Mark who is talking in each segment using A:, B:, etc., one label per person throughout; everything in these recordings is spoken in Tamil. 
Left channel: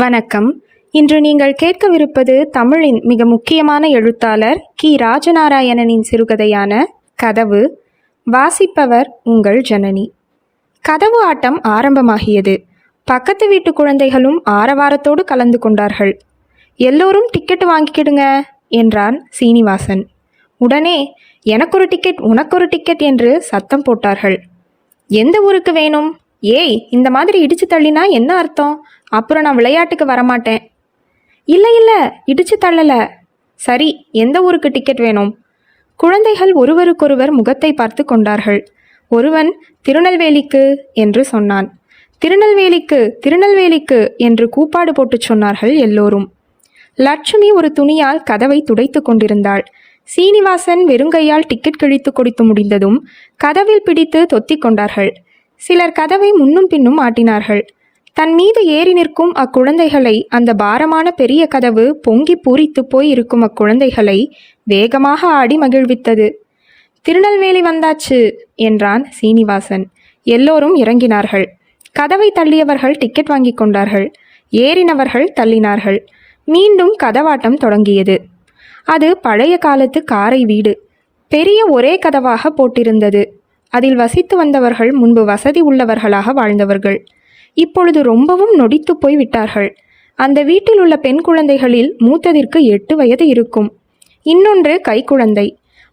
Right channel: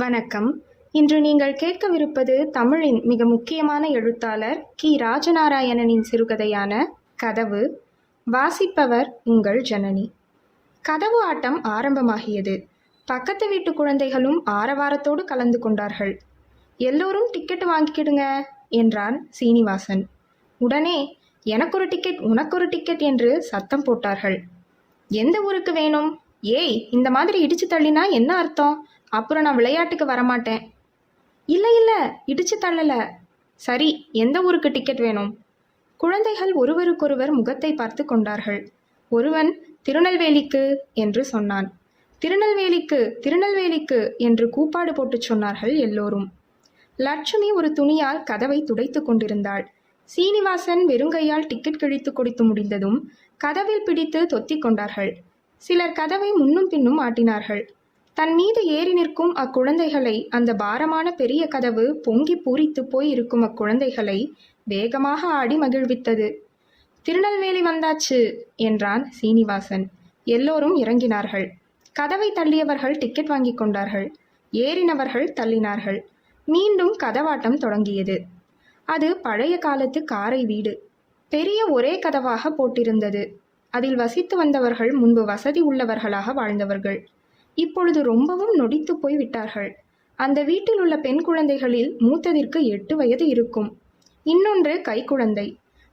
A: வணக்கம். இன்று நீங்கள் கேட்கவிருப்பது தமிழின் மிக முக்கியமான எழுத்தாளர் கி. ராஜநாராயணனின் சிறுகதையான கதவு. வாசிப்பவர் உங்கள் ஜனனி. கதவு ஆட்டம் ஆரம்பமாகியது. பக்கத்து வீட்டு குழந்தைகளும் ஆரவாரத்தோடு கலந்து கொண்டார்கள். எல்லோரும் டிக்கெட் வாங்கிக்கிடுங்க என்றான் சீனிவாசன். உடனே எனக்கொரு டிக்கெட் உனக்கொரு டிக்கெட் என்று சத்தம் போட்டார்கள். எந்த ஊருக்கு வேணும்? ஏய் இந்த மாதிரி இடிச்சு தள்ளினா என்ன அர்த்தம்? அப்புறம் நான் விளையாட்டுக்கு வரமாட்டேன். இல்லை இல்லை இடிச்சு தள்ளல. சரி எந்த ஊருக்கு டிக்கெட் வேணும்? குழந்தைகள் ஒருவருக்கொருவர் முகத்தை பார்த்து கொண்டார்கள். ஒருவன் திருநெல்வேலிக்கு என்று சொன்னான். திருநெல்வேலிக்கு திருநெல்வேலிக்கு என்று கூப்பாடு போட்டுச் சொன்னார்கள் எல்லோரும். லட்சுமி ஒரு துணியால் கதவை துடைத்து கொண்டிருந்தாள். சீனிவாசன் வெறுங்கையால் டிக்கெட் கிழித்து கொடுத்து முடிந்ததும் கதவில் பிடித்து தொத்திக் கொண்டார்கள். சிலர் கதவை முன்னும் பின்னும் ஆட்டினார்கள். தன் மீது ஏறி நிற்கும் அக்குழந்தைகளை அந்த பாரமான பெரிய கதவு பொங்கி பூரித்து போய் இருக்கும் அக்குழந்தைகளை வேகமாக ஆடி மகிழ்வித்தது. திருநெல்வேலி வந்தாச்சு என்றான் சீனிவாசன். எல்லோரும் இறங்கினார்கள். கதவை தள்ளியவர்கள் டிக்கெட் வாங்கி கொண்டார்கள். ஏறினவர்கள் தள்ளினார்கள். மீண்டும் கதவாட்டம் தொடங்கியது. அது பழைய காலத்து காரை வீடு. பெரிய ஒரே கதவாக போட்டிருந்தது. அதில் வசித்து வந்தவர்கள் முன்பு வசதி உள்ளவர்களாக வாழ்ந்தவர்கள். இப்பொழுது ரொம்பவும் நொடித்து போய் விட்டார்கள் அந்த வீட்டில் உள்ள பெண் குழந்தைகளில் மூத்ததிற்கு எட்டு வயது இருக்கும். இன்னொன்று கைக்குழந்தை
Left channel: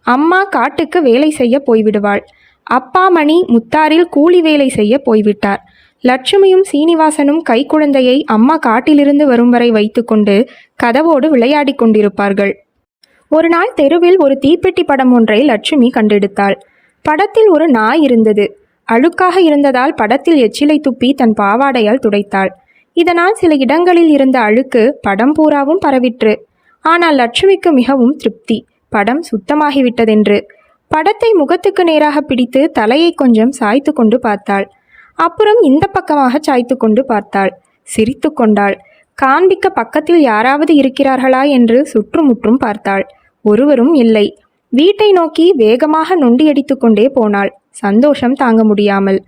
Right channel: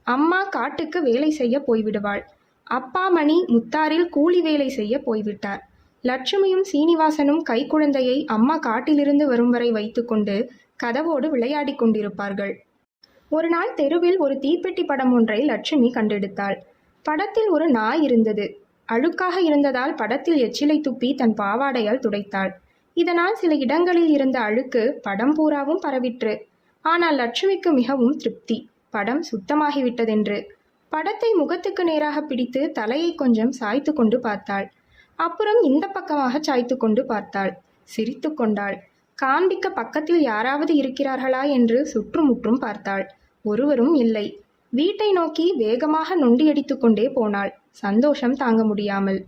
A: அம்மா காட்டுக்கு வேலை செய்ய போய்விடுவாள். அப்பா மணி முத்தாரில் கூலி வேலை செய்ய போய்விட்டார். லட்சுமியும் சீனிவாசனும் கைக்குழந்தையை அம்மா காட்டிலிருந்து வரும் வரை வைத்துக்கொண்டு கதவோடு விளையாடிக் கொண்டிருப்பார்கள். ஒரு நாள் தெருவில் ஒரு தீப்பெட்டி படம் ஒன்றை லட்சுமி கண்டெடுத்தாள். படத்தில் ஒரு நாய் இருந்தது. அழுக்காக இருந்ததால் படத்தில் எச்சிலை துப்பி தன் பாவாடையால் துடைத்தாள். இதனால் சில இடங்களில் இருந்த அழுக்கு படம் பூராவும் பரவிற்று. ஆனால் லட்சுமிக்கு மிகவும் திருப்தி. படம் சுத்தமாகிவிட்டதென்று. படத்தை முகத்துக்கு நேராக பிடித்து தலையை கொஞ்சம் சாய்த்து கொண்டு பார்த்தாள். அப்புறம் இந்த பக்கமாக சாய்த்து கொண்டு பார்த்தாள். சிரித்து கொண்டாள். காண்பிக்க பக்கத்தில் யாராவது இருக்கிறார்களா என்று சுற்றுமுற்றும் பார்த்தாள். ஒருவரும் இல்லை. வீட்டை நோக்கி வேகமாக நொண்டியடித்து கொண்டே போனாள். சந்தோஷம் தாங்க முடியாமல்.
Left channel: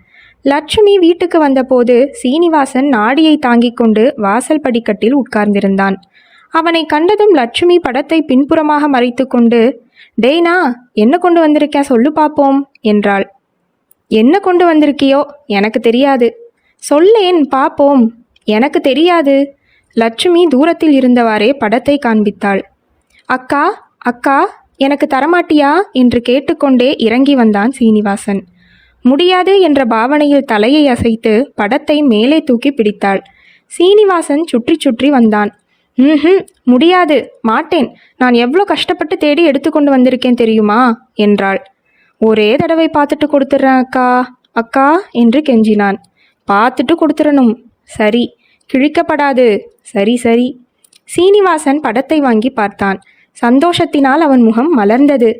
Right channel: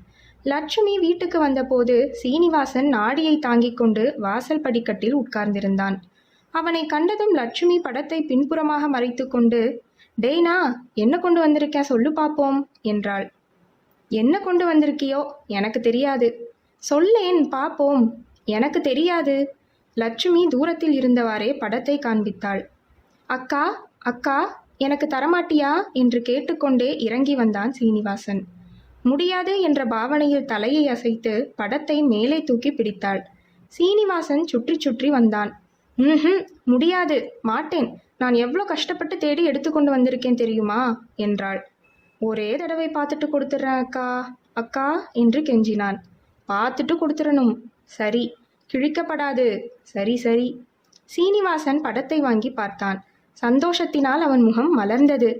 A: லட்சுமி வீட்டுக்கு வந்தபோது சீனிவாசன் நாடியை தாங்கிக் கொண்டு வாசல் படிக்கட்டில் உட்கார்ந்திருந்தான். அவனை கண்டதும் லட்சுமி படத்தை பின்புறமாக மறைத்து கொண்டு டேய்னா என்ன கொண்டு வந்திருக்கேன் சொல்லு பார்ப்போம் என்றாள். என்ன கொண்டு வந்திருக்கியோ? எனக்கு தெரியாது. சொல்லேன் பார்ப்போம் எனக்கு தெரியாது. லட்சுமி தூரத்தில் இருந்தவாறே படத்தை காண்பித்தாள். அக்கா அக்கா எனக்கு தரமாட்டியா? என்று கேட்டுக்கொண்டே இறங்கி வந்தான் சீனிவாசன். முடியாது என்ற பாவனையில் தலையை அசைத்து படத்தை மேலே தூக்கி பிடித்தாள். சீனிவாசன் சுற்றி சுற்றி வந்தான். ம் முடியாது மாட்டேன். நான் எவ்வளோ கஷ்டப்பட்டு தேடி எடுத்துக்கொண்டு வந்திருக்கேன் தெரியுமா? என்றாள். ஒரே தடவை பார்த்துட்டு கொடுத்துட்றேன் அக்கா. அக்கா என்று கெஞ்சினான். பார்த்துட்டு கொடுத்துடணும். சரி கிழிக்கப்படாது. சரி சரி. சீனிவாசன் படத்தை வாங்கி பார்த்தான். சந்தோஷத்தினால் அவன் முகம் மலர்ந்தது.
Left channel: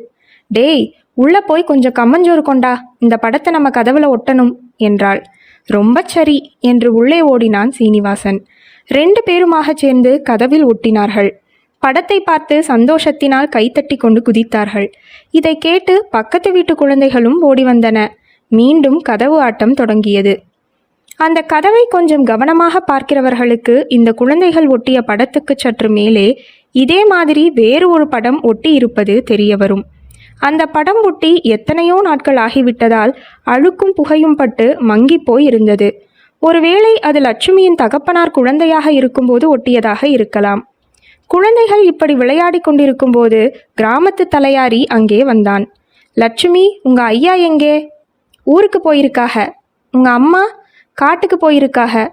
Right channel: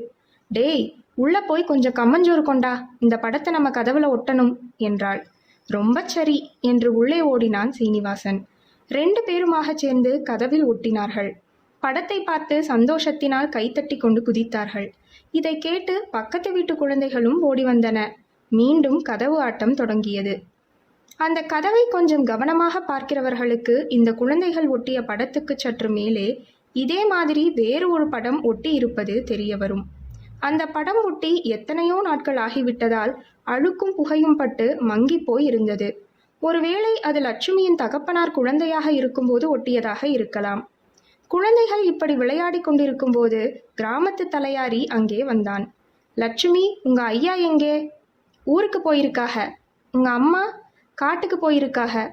A: டேய் உள்ள போய் கொஞ்சம் கம்மஞ்சோறு கொண்டா. இந்த படத்தை நம்ம கதவுல ஒட்டணும் என்றாள். ரொம்ப சரி என்று உள்ளே ஓடினான் சீனிவாசன். ரெண்டு பேருமாகச் சேர்ந்து கதவில் ஒட்டினார்கள். படத்தை பார்த்து சந்தோஷத்தினால் கைத்தட்டி கொண்டு குதித்தார்கள். இதை கேட்டு பக்கத்து வீட்டு குழந்தைகளும் ஓடி வந்தன. மீண்டும் கதவு ஆட்டம் தொடங்கியது. அந்த கதவை கொஞ்சம் கவனமாக பார்க்கிறவர்களுக்கு இந்த குழந்தைகள் ஒட்டிய படத்துக்கு சற்று மேலே இதே மாதிரி வேறு ஒரு படம் ஒட்டி இருப்பது தெரிய வரும். அந்த படம் ஒட்டி எத்தனையோ நாட்கள் ஆகிவிட்டதால் அழுக்கும் புகையும் பட்டு மங்கி போய் இருந்தது. ஒருவேளை அது லட்சுமியின் தகப்பனார் குழந்தையாக இருக்கும்போது ஒட்டியதாக இருக்கலாம். குழந்தைகள் இப்படி விளையாடி கொண்டிருக்கும்போது கிராமத்து தலையாரி அங்கே வந்தான். லட்சுமி உங்க ஐயா எங்கே? ஊருக்கு போயிருக்காக. உங்க அம்மா? காட்டுக்கு போயிருக்காக.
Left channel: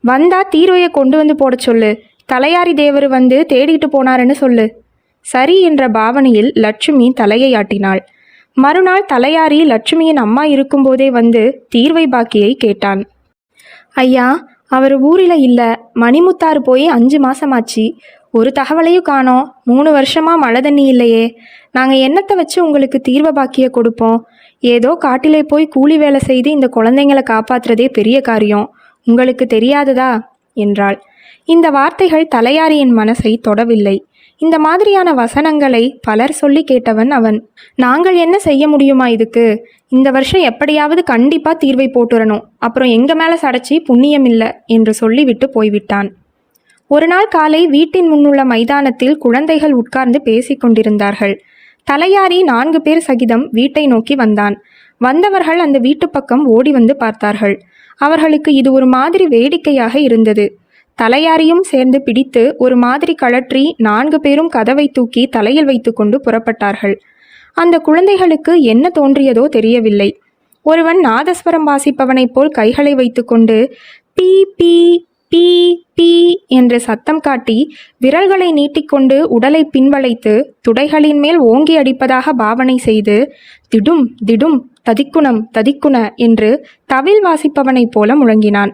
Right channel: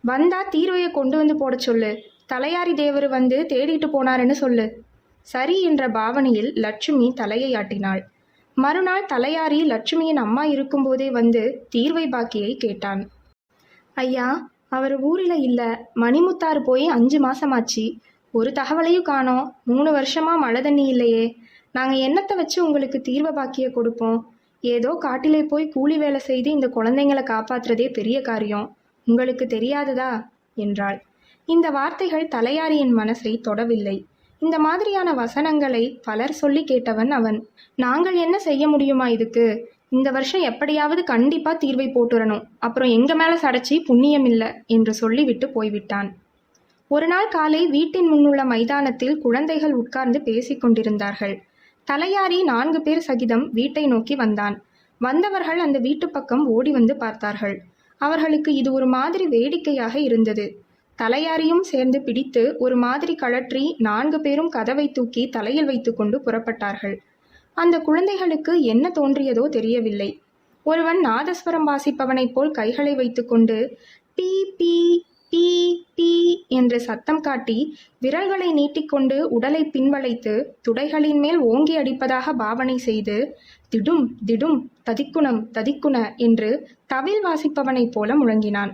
A: வந்தா தீர்வையை கொண்டு வந்து போட சொல்லு. தலையாரி தேவர் வந்து தேடிட்டு போனாருன்னு சொல்லு. சரி என்ற பாவனையில் லட்சுமி தலையை ஆட்டினாள் மறுநாள் தலையாரி லட்சுமியின் அம்மா இருக்கும்போதே வந்து தீர்வை பாக்கியை கேட்டான். ஐயா அவர் ஊரில் இல்லை. மணிமுத்தாறு போய் அஞ்சு மாசமாச்சு. ஒரு தகவலையும் காணோம். மூணு வருஷமா மழை தண்ணி இல்லையே. நாங்கள் என்னத்தை வச்சு உங்களுக்கு தீர்வ பாக்கிய கொடுப்போம்? ஏதோ காட்டிலே போய் கூலி வேலை செய்து இந்த குழந்தைங்களை காப்பாற்றுறதே பெரிய காரியம். உங்களுக்கு தெரியாததா? என்றாள். இந்த வார்த்தைகள் தலையாரியின் மனசை தொடவில்லை. இந்த மாதிரியான வசனங்களை பலர் சொல்லி கேட்டவன் அவன். நாங்கள் என்ன செய்ய முடியுமா இதுக்கு? இந்த வருஷம் எப்படியாவது கண்டிப்பா தீர்வை போட்டுறணும். அப்புறம் எங்க மேல சடைச்சி புண்ணியம் இல்லை? என்று சொல்லிவிட்டு போய்விட்டான். ஒரு நாள் காலை வீட்டின் முன்னுள்ள மைதானத்தில் குழந்தைகள் உட்கார்ந்து பேசிக்கொண்டிருந்தார்கள் தலையாரி நான்கு பேர் சகிதம் வீட்டை நோக்கி வந்தான். வந்தவர்கள் அந்த வீட்டு பக்கம் ஓடி வந்து பார்த்தார்கள். அவர்களுக்கு இது ஒரு மாதிரி வேடிக்கையாக இருந்தது. தலையாரியும் சேர்ந்து பிடித்து ஒரு மாதிரி கழற்றி நான்கு பேரும் கதவை தூக்கி தலையில் வைத்துக்கொண்டு புறப்பட்டார்கள். அந்த குழந்தைகளுக்கு என்ன தோன்றியதோ தெரியவில்லை. ஒருவன் நாதஸ்வரம் வாசிப்பவனைப் போல் கைகளை வைத்துக்கொண்டு பீ பீ பீ பீ என்று சத்தம் காட்டி விரல்களை நீட்டிக்கொண்டு உடலை பின்வளைத்து துடைகளின் மேல் ஓங்கி அடிப்பதாக பாவனை செய்து திடும் திடும் ததிக்குணம் ததிக்குண என்று தவில் வாசிப்பவனைப் போல முழங்கினான்.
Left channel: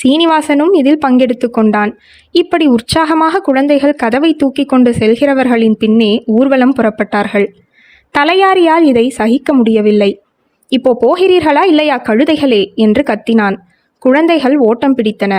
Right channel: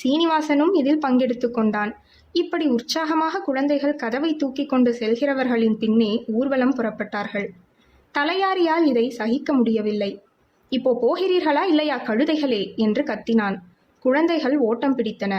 A: சீனிவாசனும் இதில் பங்கெடுத்து கொண்டான். இப்படி உற்சாகமாக குழந்தைகள் கதவை தூக்கி கொண்டு செல்கிறவர்களின் பின்னே ஊர்வலம் புறப்பட்டார்கள். தலையாரியால் இதை சகிக்க முடியவில்லை. இப்போ போகிறீர்களா இல்லையா கழுதைகளே என்று கத்தினான். குழந்தைகள் ஓட்டம் பிடித்தன.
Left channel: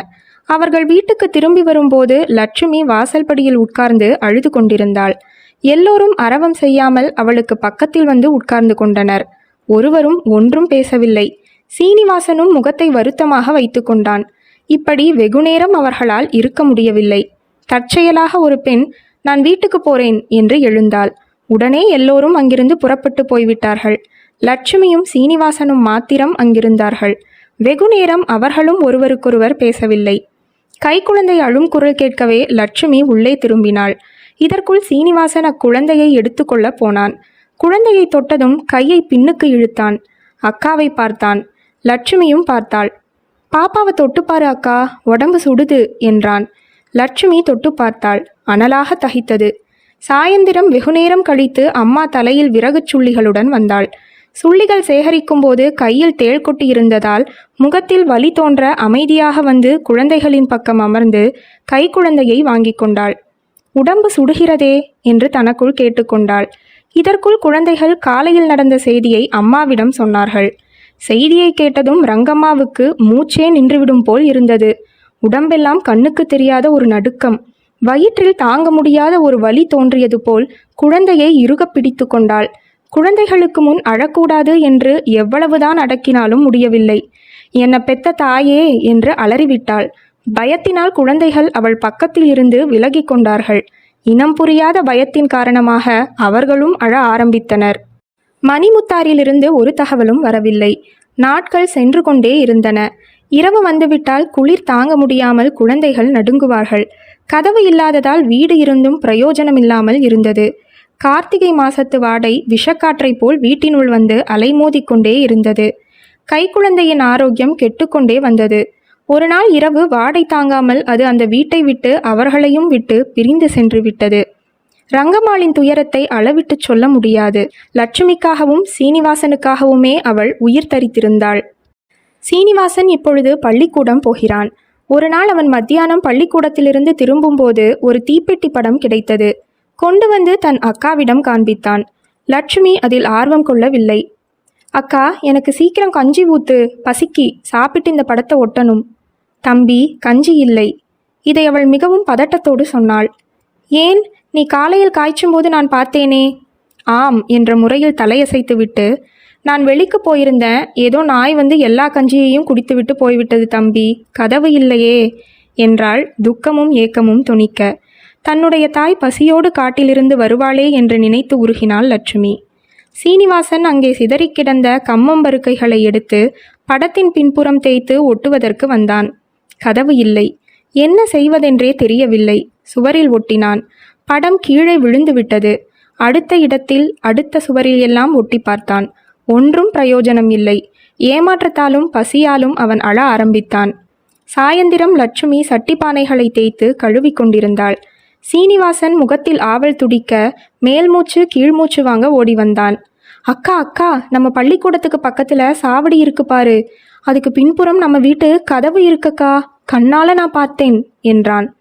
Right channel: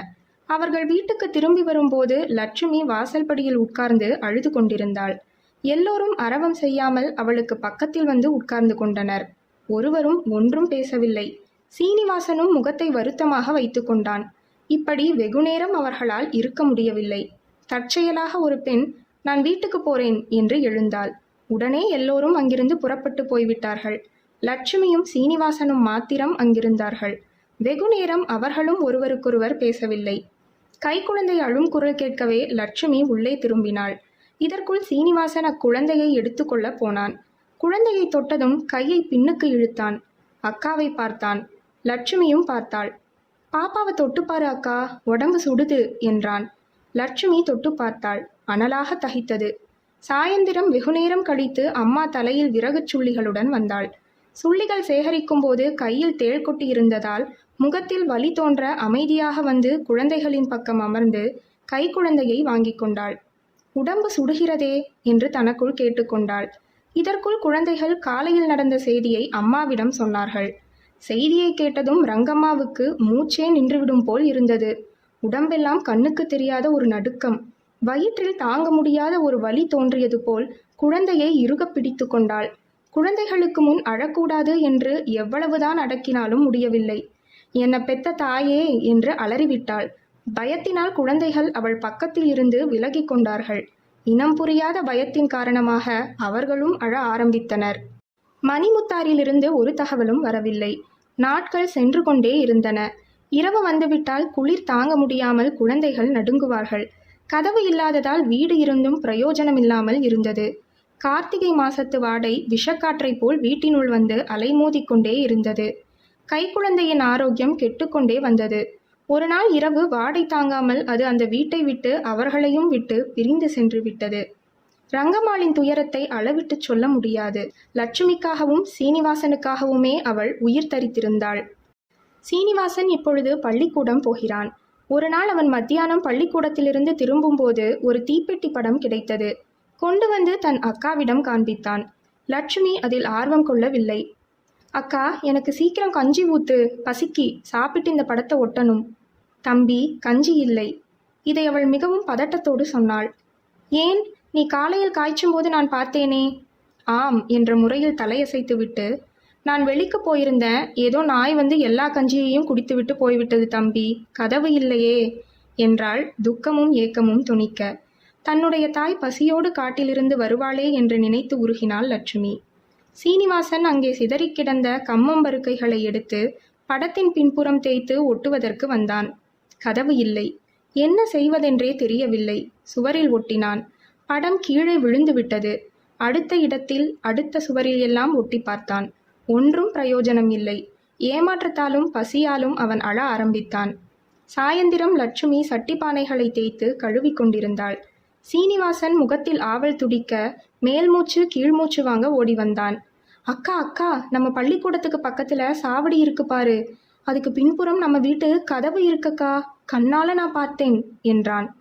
A: அவர்கள் வீட்டுக்கு திரும்பி வரும்போது லட்சுமி வாசல்படியில் உட்கார்ந்து அழுது கொண்டிருந்தாள். எல்லோரும் அரவம் செய்யாமல் அவளுக்கு பக்கத்தில் வந்து உட்கார்ந்து கொண்டனர். ஒருவரும் ஒன்றும் பேசவில்லை. சீனிவாசனும் முகத்தை வருத்தமாக வைத்து கொண்டான். இப்படி வெகுநேரம் அவர்களால் இருக்க முடியவில்லை. தற்செயலாக ஒரு பெண் நான் வீட்டுக்கு போறேன் என்று எழுந்தாள். உடனே எல்லோரும் அங்கிருந்து புறப்பட்டு போய்விட்டார்கள். லட்சுமியும் சீனிவாசனும் மாத்திரம் அங்கிருந்தார்கள். வெகுநேரம் அவர்களும் ஒருவருக்கொருவர் பேசவில்லை. கைக்குழந்தை அழும் குரல் கேட்கவே லட்சுமி உள்ளே திரும்பினாள். இதற்குள் சீனிவாசன் அக்குழந்தையை எடுத்துக்கொள்ள போனான். குழந்தையை தொட்டதும் கையை பின்னுக்கு இழுத்தான். அக்காவை பார்த்தான். லட்சுமியும் பார்த்தாள். பாப்பாவை தொட்டுப்பாரு அக்கா. உடம்பு சுடுது என்றான். லட்சுமி தொட்டு பார்த்தாள். அனலாக தகித்தது. சாயந்திரம் வெகுநேரம் கழித்து அம்மா தலையில் விறகுச் சுள்ளிகளுடன் வந்தாள். சுள்ளிகள் சேகரிக்கும் போது கையில் தேள் கொட்டி இருந்ததால் முகத்தில் வலி தோன்ற அமைதியாக வந்து குழந்தைகளின் பக்கம் அமர்ந்து கைக்குழந்தையை வாங்கி கொண்டாள். உடம்பு சுடுகிறதே? என்று தனக்குள் கேட்டுக்கொண்டாள் இதற்குள் குழந்தைகள் காலையில் நடந்த செய்தியை அம்மாவிடம் சொன்னார்கள். செய்தியை கேட்டதும் ரங்கம்மாவுக்கு மூச்சே நின்றுவிடும் போல் இருந்தது. உடம்பெல்லாம் கண்ணுக்கு தெரியாத ஒரு நடுக்கம். வயிற்றில் தாங்க முடியாத ஒரு வலி தோன்றியது போல் குழந்தையை இறுகப் பிடித்து கொண்டாள். குழந்தைகளுக்கு முன் அழக்கூடாது என்று எவ்வளவுதான் அடக்கினாலும் முடியவில்லை. என்ன பெத்த தாயே என்று அலறிவிட்டாள். பயத்தினால் குழந்தைகள் அவள் பக்கத்தில் இருந்து விலகிக் கொண்டார்கள். இனம் புரியாத பயத்தின் காரணமாக அவர்களும் அழ ஆரம்பித்தனர். மணிமுத்தாரிலிருந்து ஒரு தகவலும் வரவில்லை. நாட்கள் சென்று கொண்டே இருந்தன. இரவு வந்துவிட்டால் குளிர் தாங்க முடியாமல் குழந்தைகள் நடுங்குவார்கள். கதவு இல்லாததால் வீடு இருந்தும் பிரயோஜனமில்லாமல் இருந்தது. கார்த்திகை மாசத்து வாடை விஷக்காற்றைப் போல் வீட்டினுள் வந்து அலைமோதிக்கொண்டே இருந்தது. கைக்குழந்தையின் ஆரோக்கியம் கெட்டுக்கொண்டே வந்தது. ஒரு நாள் இரவு வாடை தாங்காமல் அது அந்த வீட்டை விட்டு அவர்களையும் விட்டு பிரிந்து சென்று விட்டது. ரங்கம்மாளின் துயரத்தை அளவிட்டுச் சொல்ல முடியாது. லட்சுமிக்காகவும் சீனிவாசனுக்காகவுமே அவள் உயிர் தரித்திருந்தாள். சீனிவாசன் இப்பொழுது பள்ளிக்கூடம் போகிறான். ஒரு நாள் அவன் மத்தியானம் பள்ளிக்கூடத்திலிருந்து திரும்பும்போது ஒரு தீப்பெட்டி படம் கிடைத்தது. கொண்டு வந்து தன் அக்காவிடம் காண்பித்தான். லட்சுமி அதில் ஆர்வம் கொள்ளவில்லை. அக்கா எனக்கு சீக்கிரம் கஞ்சி ஊத்து. பசிக்கி. சாப்பிட்டு இந்த படத்தை ஒட்டணும். தம்பி கஞ்சி இல்லை. இதை அவள் மிகவும் பதட்டத்தோடு சொன்னாள். ஏன்? நீ காலையில் காய்ச்சும் போது நான் பார்த்தேனே. ஆம் என்ற முறையில் தலையசைத்துவிட்டு நான் வெளிக்கு போயிருந்தேன். ஏதோ நாய் வந்து எல்லா கஞ்சியையும் குடித்துவிட்டு போய்விட்டது தம்பி. கதவு இல்லையே என்றாள் துக்கமும் ஏக்கமும் துணிக்க. தன்னுடைய தாய் பசியோடு காட்டிலிருந்து வருவாளே என்று நினைத்து உருகினாள் லட்சுமி. சீனிவாசன் அங்கே சிதறிக் கிடந்த கம்மம்பருக்கைகளை எடுத்து படத்தின் பின்புறம் தேய்த்து ஒட்டுவதற்கு வந்தான். கதவு இல்லை. என்ன செய்வதென்றே தெரியவில்லை. சுவரில் ஒட்டினான். படம் கீழே விழுந்துவிட்டது. அடுத்த இடத்தில் அடுத்த சுவரில் எல்லாம் ஒட்டி பார்த்தான். ஒன்றும் பிரயோஜனம் இல்லை. ஏமாற்றத்தாலும் பசியாலும் அவன் அழ ஆரம்பித்தான். சாயந்திரம் லட்சுமி சட்டிப்பானைகளை தேய்த்து கழுவி கொண்டிருந்தாள். சீனிவாசன் முகத்தில் ஆவல் துடிக்க மேல்மூச்சு கீழ்மூச்சு வாங்க ஓடி வந்தான். அக்கா அக்கா நம்ம பள்ளிக்கூடத்துக்கு பக்கத்துல சாவடி இருக்கு பாரு. அதுக்கு பின்புறம் நம்ம வீட்டு கதவு இருக்கக்கா? கண்ணால நான் பார்த்தேன் என்றான்.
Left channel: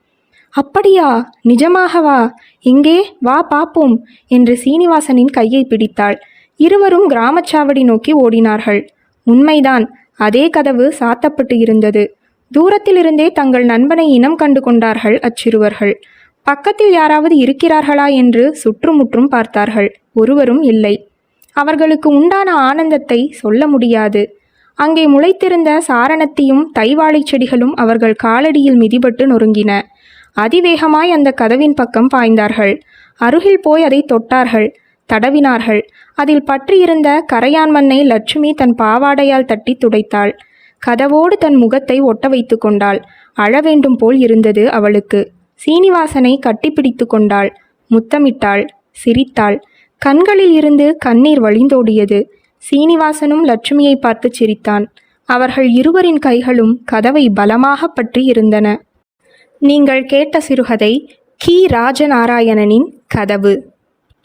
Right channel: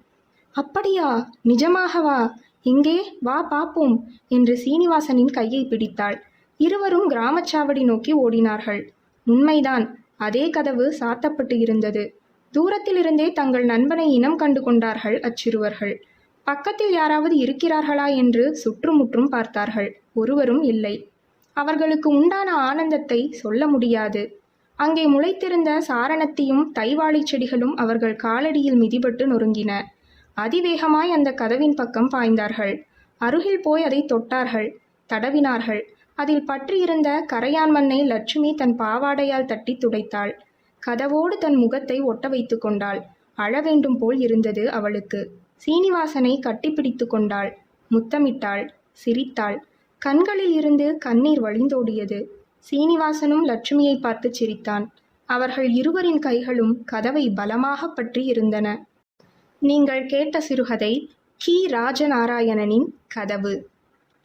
A: அப்படியா? நிஜமாகவா? எங்கே? வா பாப்போம் என்று சீனிவாசனின் கையை பிடித்தாள். இருவரும் கிராமச்சாவடி நோக்கி ஓடினார்கள். உண்மைதான் அதே கதவு சாத்தப்பட்டு இருந்தது. தூரத்திலிருந்தே தங்கள் நண்பனை இனம் கண்டு கொண்டார்கள் அச்சிறுவர்கள். பக்கத்தில் யாராவது இருக்கிறார்களா என்று சுற்றுமுற்றும் பார்த்தார்கள். ஒருவரும் இல்லை. அவர்களுக்கு உண்டான ஆனந்தத்தை சொல்ல முடியாது. அங்கே முளைத்திருந்த சாரணத்தியும் தைவாழைச் செடிகளும் அவர்கள் காலடியில் மிதிபட்டு நொறுங்கின. அதிவேகமாய் அந்த கதவின் பக்கம் பாய்ந்தார்கள். அருகில் போய் அதை தொட்டார்கள். தடவினார்கள். அதில் பற்றியிருந்த கரையான் மண்ணை லட்சுமி தன் பாவாடையால் தட்டி துடைத்தாள். கதவோடு தன் முகத்தை ஒட்ட வைத்து கொண்டாள். அழவேண்டும் போல் இருந்தது அவளுக்கு. சீனிவாசனை கட்டிப்பிடித்து கொண்டாள். முத்தமிட்டாள். சிரித்தாள். கண்களில் இருந்து கண்ணீர் வழிந்தோடியது. சீனிவாசனும் லட்சுமியை பார்த்து சிரித்தான். அவர்கள் இருவரின் கைகளும் கதவை பலமாக பற்றி இருந்தன. நீங்கள் கேட்ட சிறுகதை கி. ராஜநாராயணனின் கதவு.